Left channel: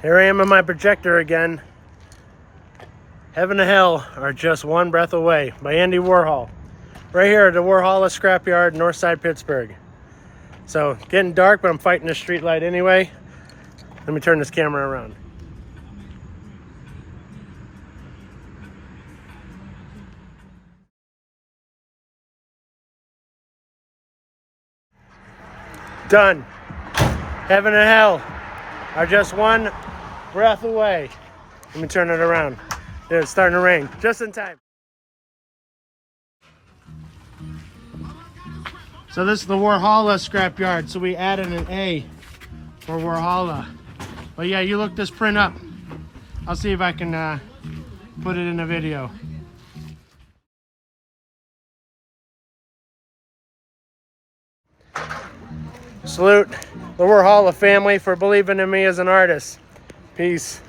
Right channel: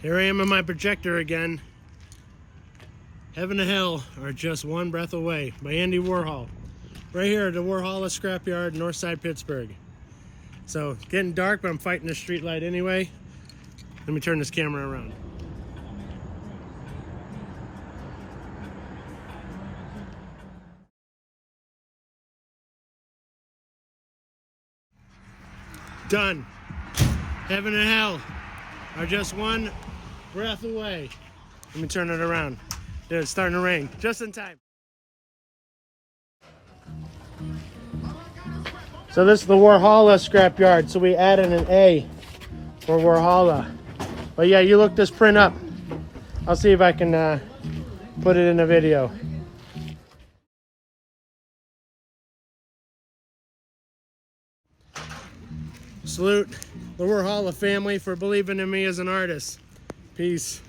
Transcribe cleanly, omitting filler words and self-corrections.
Here I am in my projector again. Heaven and Hell Are Just One Breath Away by Andy Warhol. Right here at the Warhola Scrapyard, Northside Pittsburgh. So, getting dark, but I'm fighting the street light anyway. Let me turn this camera around. Done. Heaven and hell are just one breath away. Let me turn it around. Dude, it's starting to rain. Just in time. So this is the Warhola scrapyard. So we added an A for Warhola. But yeah, you look this print up. I'll see if I can put it in a video. Salute the Warhola family for believing in me as an artist. Peace.